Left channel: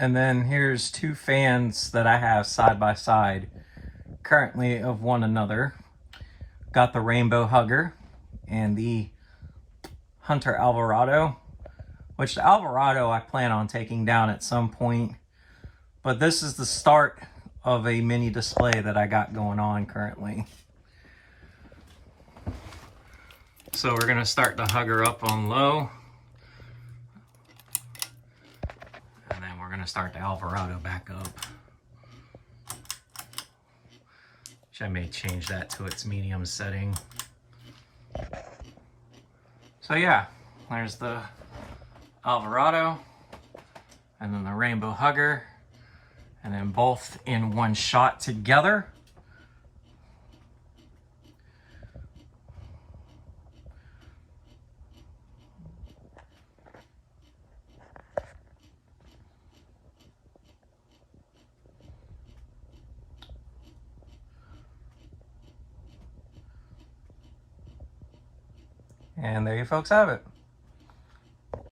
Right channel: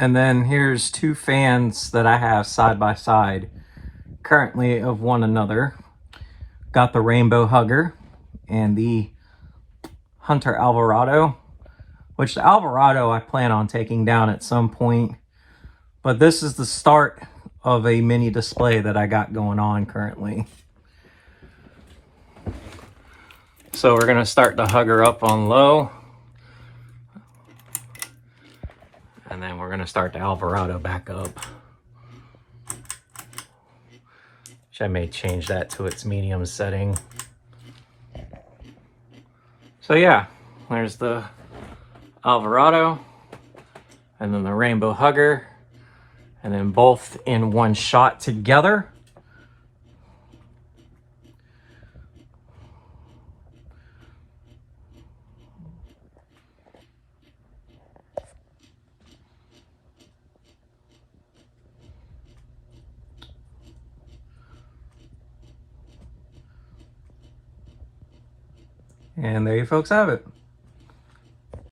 And then here's two fans that I have side by side currently of one another. Got the Rainbow Hugger and the Hunter Alvarado, which the Alvarado I plan on taking down at some point. But this is the start of a mini display that I got going on currently. So we're gonna start the Hugger up on low. And then we're gonna start the Alvarado back up. Which I may change that to its medium setting. So yeah, there's the Alvarado and then the Rainbow Hugger, and then both in one shot together. And there you folks have it.